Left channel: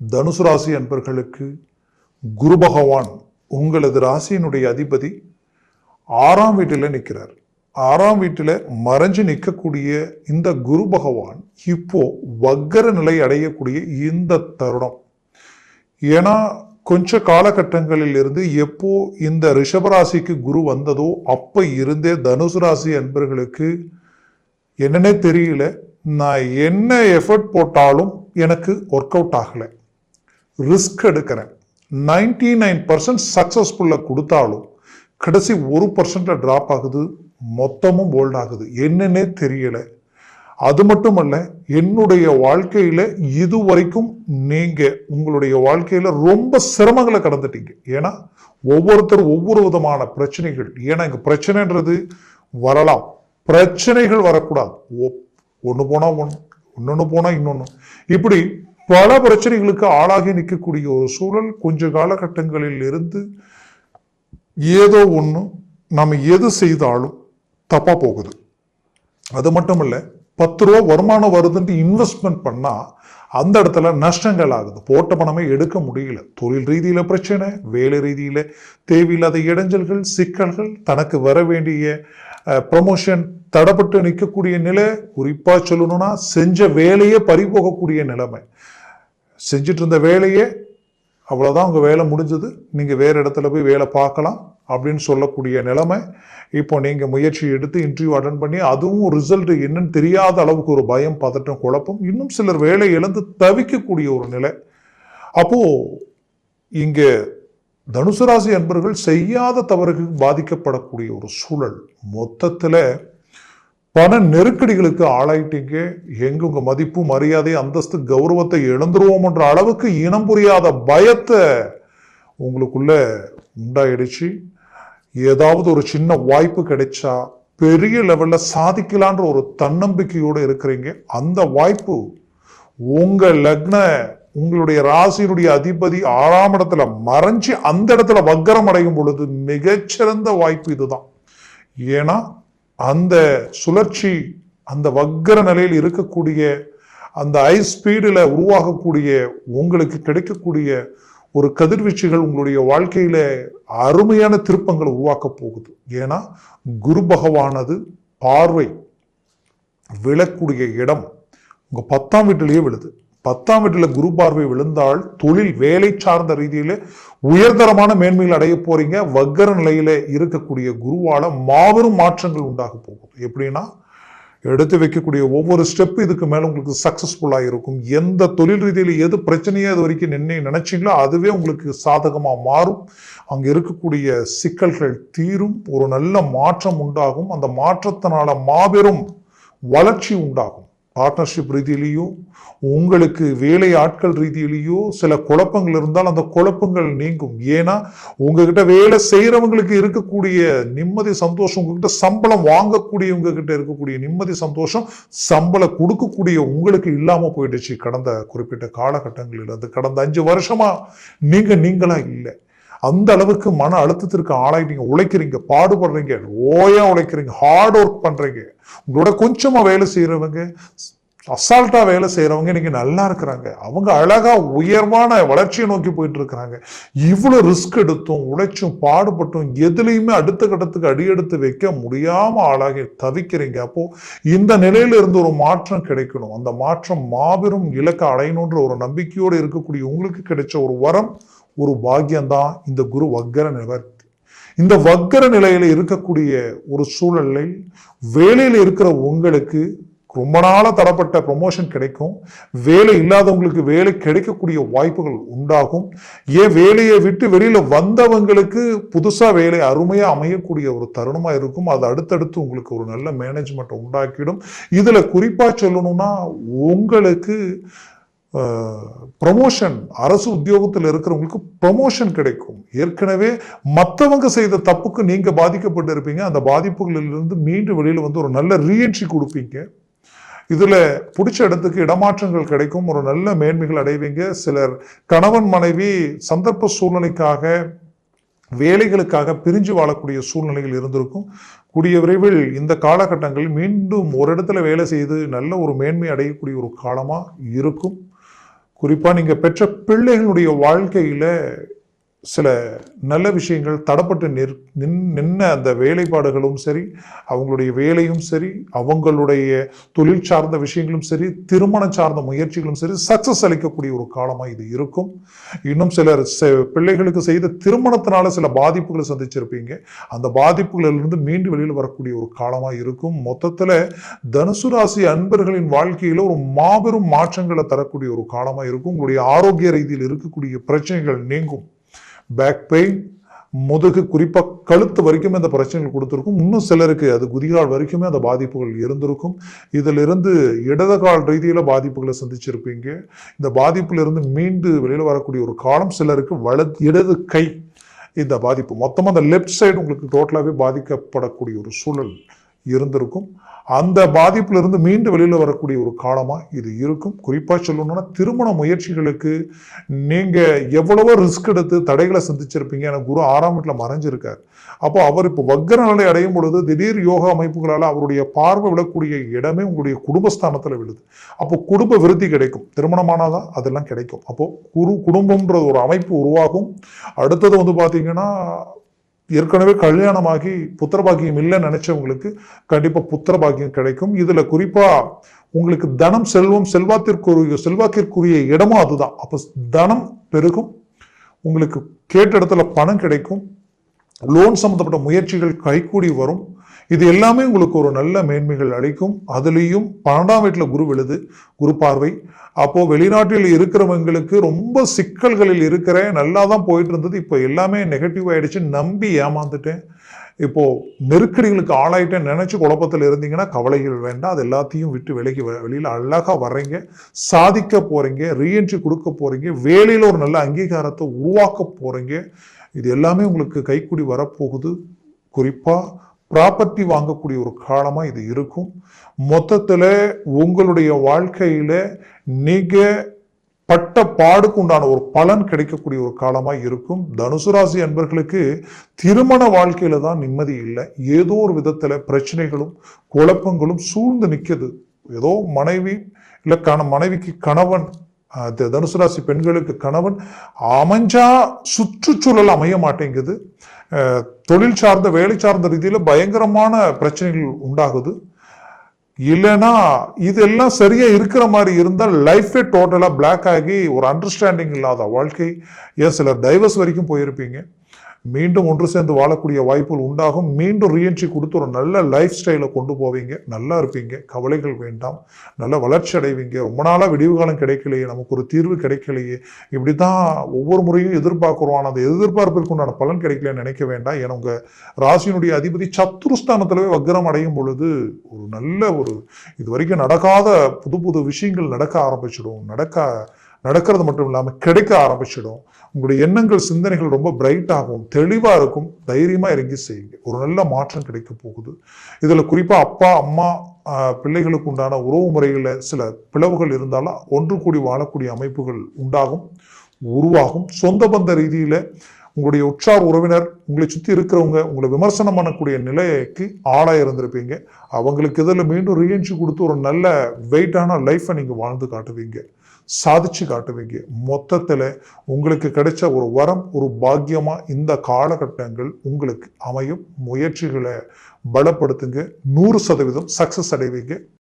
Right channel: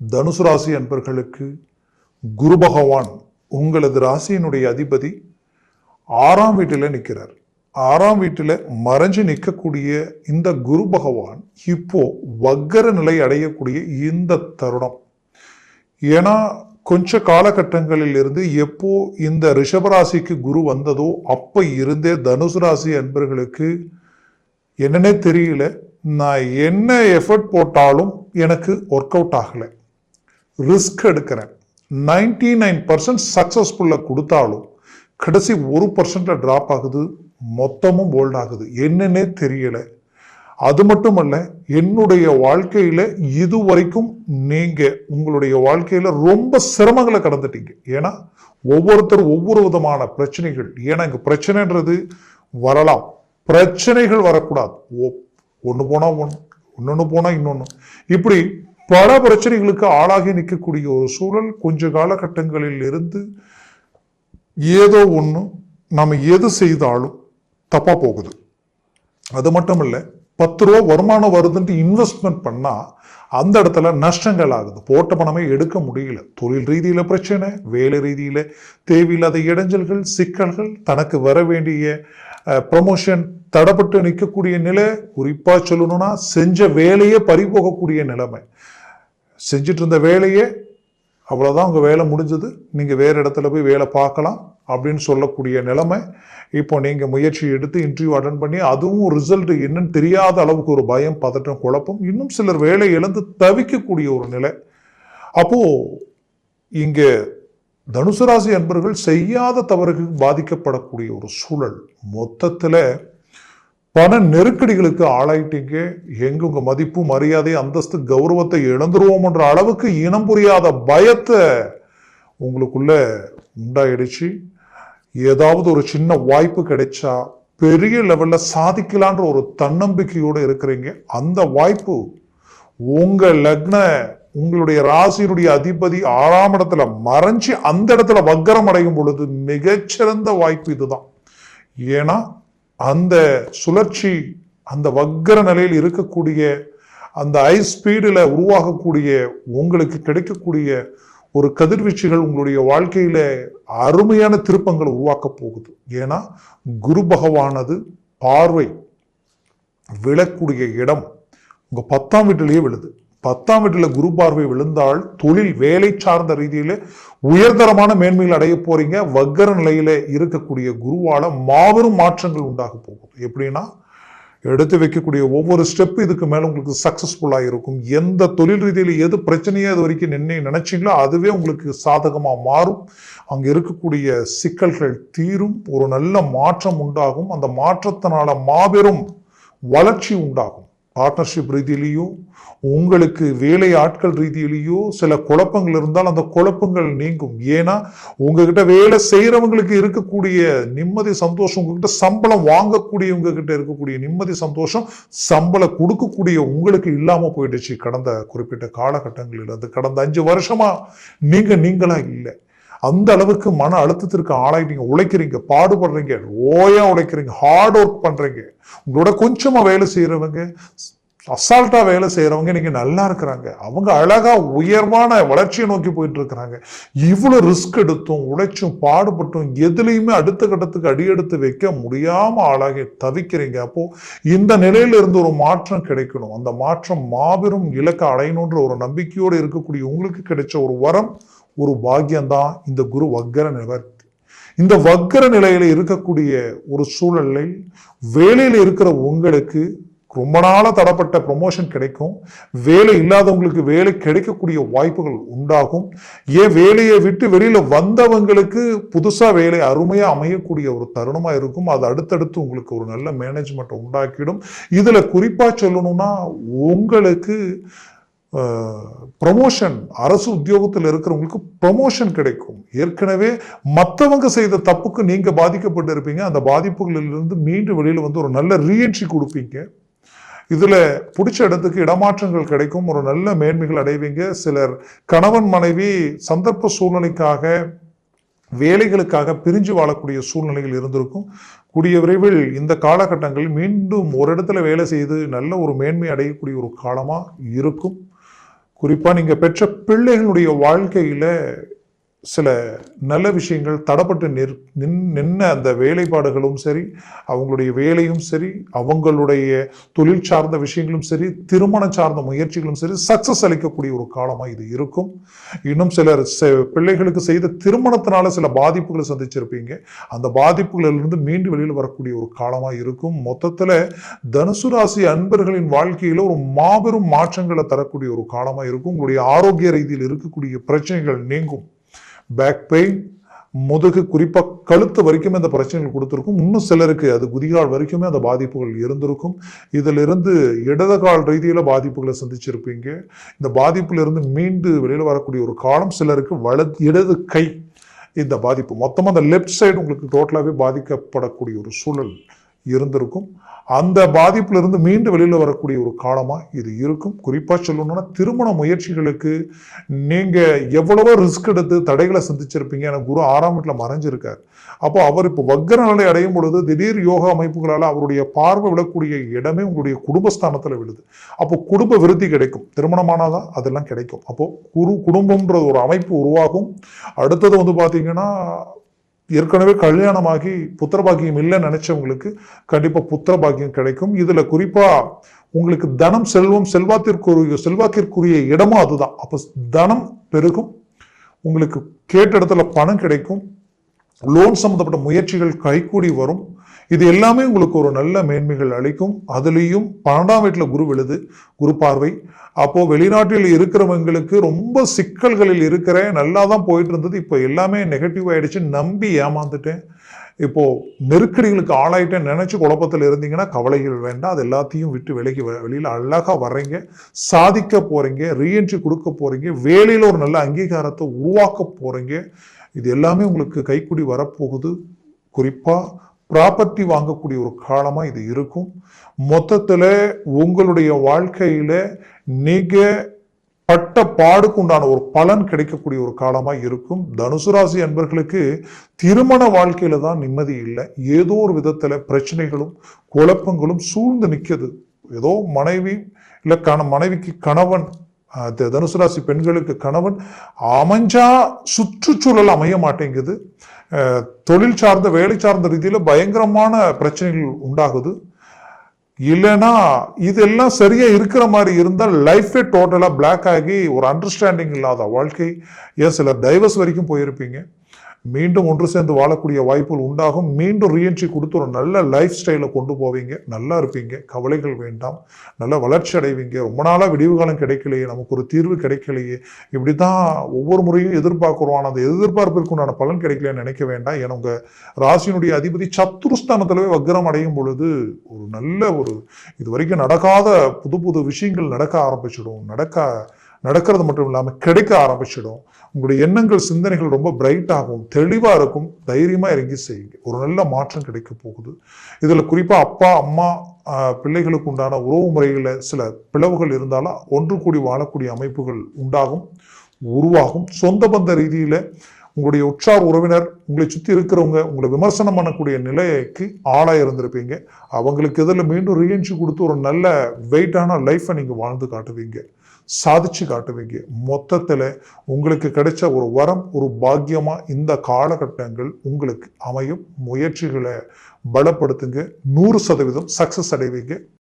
தனுசு ராசி அன்பர்களுக்கு குரு பகவான் உங்களது ராசியினுடைய அதிபதி 6ஆம் வீட்டில நிற்கிறார். 6ஆம் வீட்டில மறைஞ்சு நிற்கக்கூடிய இந்த குரு பகவான் இப்போ வக்கர நிலை அடையக்கூடிய இந்த தருணம். ஏன்னா கொஞ்ச காலகட்டங்களில் இருந்து எப்போ இந்த ரிஷபராசிக்கு குரு வந்ததோ அப்ப இருந்தே தனுசு ராசி அன்பர்களுக்கு என்னன்னே தெரியல, நான் என்ன எஃபர்ட் போட்டாலும் எனக்கு ஒர்க் அவுட் ஆகல, ரிஸ்க் எடுக்கிறேன், 99% சக்சஸ்ஃபுல்ல கொடுத்தாலும் கடைசி 1% டிராப் ஆகுது, மொத்தமும் போல்ட் ஆகுது, என்னன்னே தெரியல. அது மட்டுமல்ல, என்னுடைய வாழ்க்கையில இதுவரைக்கும் நீங்க உங்களுடைய வாழ்க்கையில ரொம்ப சிரமங்களை கடந்துட்டீங்க. ஏன்னா ஒவ்வொருத்தரும் ஒவ்வொரு விதமான பிரச்சனைகள். ஏன்னா இங்க பிரச்சனைன்றது வரலாம், பிரச்சனைகள் வரக்கூடாது. ஒண்ணு போனா இன்னொன்னு போனா இன்னொன்னு, இப்படி பல பிரச்சனைகளுக்கு ஆளாகி நிற்கக்கூடிய ஒரு சூழல் கொஞ்ச காலகட்டங்களில் இருந்து ஏதோ ஒண்ணு நம்ம எது செய்தாலும் தப்பா போகுது. அது மட்டும் இல்ல, 10 ரூபா வருமானம் வருதுன்னு இன்வெஸ்ட்மெண்ட் பண்ணா அந்த இடத்துல நஷ்டங்கள் ஆகுது, போட்ட பணமே எடுக்க முடியல. தொழில் ரீதியில பிரச்சனை, வேலை ரீதியில தேவையில்லாத இடைஞ்சல்கள், சிக்கல்கள், தனக்கு வர வேண்டிய ப்ரமோஷன் தடப்பட்டு நிற்கக்கூடிய நிலை, குறிப்பா சொல்லணும்னா செஞ்ச வேலையே பறிபோகக்கூடிய நிலைமை. செஞ்சுட்டு இருந்த வேலையே அவ்வளவுதான், உங்க வேலை முடிஞ்சது, நீங்க வேற இடத்துல போய் வேலை பார்க்கலாம் அப்படின்னு சொல்லக்கூடிய நிலைமை. இப்போ நீங்க முயற்சி எடுத்து இன்டர்வியூ அட்டன் பண்ணி அதுவும் ரிசல்ட் என்னன்னு தெரியாத அளவுக்கு ஒரு பயம், பதட்டம், குழப்பம், இன்னும் சிலர் வேலை இழந்து தவிக்கக்கூடிய ஒரு நிலை. அப்போ இங்க தனுசு ராசி அன்பர்கள் செய்யாத தவறுக்கு பாதிக்கப்படக்கூடிய ஒரு சூழல். மொத்தத்துல பண நெருக்கடிகளுக்கு ஆளாயிட்டீங்க. எங்க உங்க மதிப்பு, மரியாதை, அந்தஸ்து, கௌரவத்தை இழந்துருவோம்ன்ற அளவுக்கு இனம் புரியாத பயத்தை உங்களுக்குள்ள உண்டாயிடுச்சு. ஏதாவது ஒரு சின்ன வாய்ப்பு கிடைச்சா பெரிய லெவல்ல சாதிக்கலான்ற ஒரு தன்னம்பிக்கையோட இருக்கிறீங்க. அந்த வாய்ப்பு உங்க லக்ன, உங்களுடைய ராசியினுடைய அதிபதி 6ஆம் இடத்துல மறைஞ்சு அந்த இடத்துல வக்கரம் அடையும் பொழுது மிகச்சிறந்த வாய்ப்பு இதுதான். ஏன்னா அந்த சுழற்சி, அந்த வக்கர நிலையில் இருக்கக்கூடிய அந்த ஹை ஸ்பீடுல உருவாகக்கூடிய உங்களுக்கு கிடைக்கக்கூடிய ஒரு கதிர்வீச்சுகள் உங்களுடைய வாழ்க்கையில அருமையான திருப்பங்களை உருவாக்க போகுது. ஏன்னா குரு பகவானது பார்வை விழக்கூடிய இடம் உங்க 10ஆம் வீட்டிலேயே விழுது. 10ஆம் வீட்டுல குரு பார்வை விழுந்தால் தொழில், வேலை சார்ந்த ரீதியில உயர்தரமான மேன்மைகள் அடைய போறீங்க. வக்கர நிலையில இருக்கக்கூடிய குருவால மாபெரும் மாற்றங்கள் உண்டாக போகுது. எப்படின்னா எடுத்து வைக்கக்கூடிய ஒவ்வொரு ஸ்டெப் இதுக்கு மேல உங்களுக்கு சக்சஸ்ஃபுல்லா இருக்கும். எந்த தொழில் ரீதியில எது பிரச்சனையோ அது வரைக்கும் நினைச்சீங்களோ அதுவே உங்களுக்கு சாதகமா மாறும். அங்க இருக்கக்கூடிய சிக்கல்கள் தீரும், ஒரு நல்ல மாற்றம் உண்டாகும். அந்த மாற்றத்தினால மாபெரும் வளர்ச்சி உண்டாகும். பார்ட்னர்ஷிப் ரீதியிலேயோ உங்களுக்கு வேலை ஆட்கள் ரீதியிலேயோ சில குழப்பங்கள் இருந்தால் அந்த குழப்பங்கள் நீங்கும். ஏன்னா உங்ககிட்ட வேலை செய்யறவங்களுக்கு இருக்கக்கூடிய நிம்மதி, சந்தோஷம், உங்ககிட்ட சம்பளம் வாங்கக்கூடியவங்க கிட்ட இருக்கக்கூடிய நிம்மதி, சந்தோஷம், சம்பளம் கொடுக்கக்கூடிய உங்களுக்கு இல்லாம போயிடுச்சு. கடந்த குறிப்பிட்ட காலகட்டங்களில் இருந்து கடந்த 5 வருஷமா நீங்களா இல்லை. அந்த அளவுக்கு மன அழுத்தத்திற்கு ஆளாயிட்டீங்க. உழைக்கிறீங்க, பாடுபடுறீங்க, ஓயா உழைக்கிறீங்க, ஹார்ட் ஒர்க் பண்றீங்க. உங்களோட கொஞ்சமா வேலை செய்யறவங்க, அசால்ட்டா வேலை செய்யறவங்க இன்னைக்கு நல்லா இருக்கிறாங்க. அவங்க அழகா உயர்வான வளர்ச்சியை நோக்கி போயிட்டு இருக்கிறாங்க. இவ்வளவு ரிஸ்க் எடுத்தும் உழைச்சும் பாடுபட்டும் எதுலையுமே அடுத்த கட்டத்துக்கு அடியெடுத்து வைக்க முடியாம ஆளாகி தவிக்கிறீங்க. அப்போ இந்த நிலையில இருந்து ஒரு மாற்றம் கிடைக்கணும். அந்த மாற்றம் மாபெரும் இலக்கை அடையணுன்ற ஒரு நம்பிக்கையோடு இருக்கக்கூடிய உங்களுக்கு கிடைச்ச ஒரு வரம், ஒரு பாக்கியம்தான் இந்த குரு வக்கர நிவர்த்தி. இந்த வக்கர நிலையில இருக்கக்கூடிய ஒரு சூழலை வேலையில் இருக்கிற உங்களுக்கு ரொம்ப நாள தடப்பட்ட ப்ரொமோஷன் கிடைக்கும். வேலை இல்லாதவங்களுக்கு வேலை கிடைக்கக்கூடிய வாய்ப்புகள் உண்டாகும். ஏன் வேலையை விட்டு வெளியில வந்தவங்களுக்கு புதுசா வேலை அருமையா அமையக்கூடிய ஒரு தருணமா இருக்கும். அது அடுத்தடுத்து உங்களுக்கு ஒரு நல்ல மேனேஜ்மெண்ட் உண்டாக்கிடும். இதுல குறிப்பா சொல்லணும்னா உங்களுக்கு ப்ரமோஷன், அரசு உத்தியோகத்தில் இருக்கிறவங்களுக்கு ப்ரமோஷன் கிடைக்கும். ஏற்கனவே மற்றவங்க செய்த தப்புக்கு நீங்க பாதிக்கப்பட்டு இருப்பீங்க. அந்த பாதிப்புகளிலிருந்து மீண்டும் வெளியில வந்து ஒரு நல்ல ரீஎன்ட்ரி கொடுப்பீங்க. இதுல பிடிச்ச இடத்துக்கு இடமாற்றங்கள் கிடைக்கும், ஒரு நல்ல மேன்மைகள் அடைவீங்க. சிலர் கணவன் மனைவி சந்தர்ப்ப சூழ்நிலைக்காக, வேலைகளுக்காக பிரிஞ்சு வாழக்கூடிய சூழ்நிலைகள் இருந்திருக்கும். கூடிய விரைவில் இந்த காலகட்டங்களில் மீண்டும் ஒரு இடத்துல வேலை செய்து நல்ல ஒரு மேன்மை அடையக்கூடிய ஒரு காலமா இருக்கும். குறிப்பா நீங்க பெற்ற பிள்ளைகளுடைய வாழ்க்கையில சில நல்ல விஷயங்கள் தடப்பட்டு நின்ன அந்த வேலைப்பாடுகளும் சரி, அவங்களுடைய வேலையும் சரி, அவங்களுடைய தொழில் சார்ந்த விஷயங்களும் சரி, திருமணம் சார்ந்த முயற்சிகளும் சரி, சக்சஸ் அளிக்கக்கூடிய ஒரு காலமா இது இருக்கும். இன்னும் சிலர் பிள்ளைகளுக்கு செய்த திருமணத்தினால சில பாதிப்புகளை சந்திச்சிருப்பீங்க. அந்த பாதிப்புகளிலிருந்து மீண்டு வெளியில் வரக்கூடிய ஒரு காலமா இருக்கும். மொத்தத்துல தனுசு ராசி அன்பர்களின் வாழ்க்கையில ஒரு மாபெரும் மாற்றங்களை தரக்கூடிய ஒரு காலமா இருக்கும். உங்களுடைய ஆரோக்கிய ரீதியில் இருக்கக்கூடிய பிரச்சனைகள் நீங்கும். பேக் பெயின், முதுகு, குறிப்பா கழுத்து வரைக்குமே அந்த பிரச்சனைகள் கொடுத்திருக்கும். இன்னும் சிலருக்கு அது குதிகால் வரைக்குமே அந்த பாதிப்புகள் இருந்திருக்கும். இதுல இருந்து இடது கால் ரீதியில பாதிப்புகளை சந்திச்சிருப்பீங்க. இந்த பாதிப்புல இருந்து மீண்டு வெளியில வரக்கூடிய ஒரு காலம் சிலருக்கு இடது கை இந்த பாதிப்பு மொத்தமா அந்த லெப்ட் சைடு உங்களுக்கு டோட்டலாவே பாதிக்கப்படக்கூடிய ஒரு சூழல் இருந்திருக்கும். அந்த பாதிப்புல இருந்து மீண்டு வெளியில வரக்கூடிய ஒரு காலமா இது இருக்கும். குறிப்பா சொல்லணும்னா திருமண முயற்சிகளுக்கு நீங்க எவ்வளவோ ரிஸ்க் எடுத்து தடைகளை சந்திச்சிருப்பீங்க. எனக்கு குரு 6ஆம் வீட்டுல மறைஞ்சிருக்காரு. அப்போ அவர் இப்போ வக்ர நிலை அடையும் பொழுது திடீர் யோகா அமைப்புகளால அவருடைய பார்வை விடக்கூடிய இடமே உங்களுடைய குடும்பஸ்தானத்துல விடுது. அப்போ குடும்ப விருத்தி கிடைக்கும். திருமணமானாதான் அதெல்லாம் கிடைக்கும். அப்போ குடும்பம்ன்ற ஒரு அமைப்பு உருவாகும். அடுத்தது பாத்தீங்கன்னா ஏற்கனவே கல்யாணமாகி புத்திர பாக்கியம் இல்லைன்னு நினைச்சவங்களுக்கு கண்டிப்பா புத்திர பாக்கியம் கிடைக்கும். இதுல குறிப்பா உங்களுக்கு தனம், செல்வம், செல்வாக்கிற்குரிய இடமும் அதுதான். அப்ப தனம் பெருகும், உங்களுக்கு கேட்ட இடத்துல பணம் கிடைக்கும், லோன் சம்பந்தப்பட்ட முயற்சிகள் கைகூடி வரும். இது எல்லாமே உங்களுக்கு ஒரு நல்ல மேன்மைகள் அளிக்கும். அதுலேயும் 12ஆம் வீட்டுல குரு விழுது, குரு பார்வை. அப்போ வெளிநாட்டில் இருக்கிறவங்களுக்கு ரொம்ப சிக்கல்களில் இருக்கிறேன், நல்லா தான் போயிட்டு இருந்தது, இப்போ எல்லாமே நெகட்டிவ் ஆயிடுச்சு, நம்பி ஏமாந்துட்டேன், இப்போ நெருக்கடிகளுக்கு ஆளாயிட்டேன் நினைச்சு குழப்பத்தில் இருந்தீங்கன்னா கவலைகள் வேண்டாம். அது எல்லாத்தையும் விட்டு வெளியில அழகா வர்றீங்க, சாதிக்க போறீங்க, ரீஎன்ட்ரி கொடுக்க போறீங்க, வேலையில ஒரு நல்ல அங்கீகாரத்தை உருவாக்க போறீங்க. இது எல்லாமே உங்களுக்கு கைக்கூடி வரப்போகுது. குறிப்பா ப்ராப்பர்ட்டி வாங்கக்கூடிய ஒரு காலமா இது இருக்கும். மொத்தத்துல உங்களுடைய வாழ்க்கையில நீங்க பட்ட பாடுக்கு உண்டான ஒரு பலன் கிடைக்கக்கூடிய ஒரு காலமா இருக்கும். தனுசு ராசி அன்பர்களுக்கு திருமண வாழ்க்கையில தான் நிம்மதி இல்லை. ஏதோ ஒரு விதத்துல பிரச்சனைகளும் குழப்பங்களும் சூழ்ந்து நிக்குது. ஏதோ மனைவி இல்ல மனைவிக்கு கணவன், தனுசு ராசி பெண்களுக்கு கணவன் அமைஞ்சா சுற்றுச்சூழல் அமைய மாட்டேங்குது. தொழில் சார்ந்த வேலை சார்ந்த ரீதியில பயங்கரமான பிரச்சனைகள் உண்டாகுது. இல்லைன்னா இதெல்லாம் சரியா இருக்கிற மாதிரி இருந்தால் லைஃபே டோட்டலா பிளாக் ஆகி ஒரு அண்டர்ஸ்டாண்டிங் இல்லாத வாழ்க்கை. ஏன் சிலர் டைவர்ஸ் வரைக்கும் போயிருப்பீங்க. மீண்டும் ஒன்று சேர்ந்து வாழக்கூடிய வாய்ப்புகள் உண்டாகும். மீண்டும் ரீஎன்ட்ரி கொடுத்து ஒரு நல்ல லைஃப் ஸ்டைலை கொண்டு போவீங்க, நல்லா இருப்பீங்க, கவலைகள் வேண்டாம், நல்ல வளர்ச்சி அடைவீங்க. ரொம்ப நாளா விடிவு காலம் கிடைக்கலையே, நமக்கு ஒரு தீர்வு கிடைக்கலையே, இப்படிதான் ஒவ்வொரு முறையும் எதிர்பார்க்கிறோம், ஆனால் அந்த எதிர்பார்ப்பிற்குண்டான பலன் கிடைக்கலன்னு நினைக்க வேண்டாம். ஏன்னா உங்க ராசியினுடைய அதிபதி சத்துருஸ்தானத்திலவே வக்ரம் அடையும் பொழுது ஒரு நல்ல இது வரைக்கும் நடக்காத புது விஷயங்கள் நடக்க ஆரம்பிச்சிடும். நடக்கிறது மட்டும் இல்லாம கிடைக்க ஆரம்பிச்சிடும். உங்களுடைய எண்ணங்கள், சிந்தனைகள் ரொம்ப பிரைட் ஆகும், தெளிவா இருக்கும். தைரியமா இறங்கி செய்யுங்க, ஒரு நல்ல மாற்றம் கிடைக்க போகுது. இதுல குறிப்பா அப்பா அம்மா பிள்ளைகளுக்கு உண்டான உறவு முறைகள்ல சில பிளவுகள் இருந்தாலும் ஒன்று கூடி வாழக்கூடிய அமைப்புகள் உருவாகும். சொந்த பந்த ரீதியில உங்களுடைய உற்றார் உறவினர், உங்களை சுத்தி இருக்கிறவங்க உங்களை விமர்சனம் பண்ணக்கூடிய நிலைக்கு ஆளா இருந்திருப்பீங்க. அவங்களுக்கு எதில் மீண்டும் ரீஎன்ட்ரி கொடுத்து ஒரு நல்ல வெயிட்டான லைஃபை நீங்க வாழ்ந்து காட்டுவீங்க, சாதிச்சு காட்டுவீங்க. மொத்தத்துல உங்களுக்கு கிடைச்ச ஒரு வரம், ஒரு பாக்கியமா இந்த காலகட்டங்கள் உங்களுக்கு அமையும். முயற்சிகளை பலப்படுத்துங்க, 100% சக்சஸ் அடைவீங்க.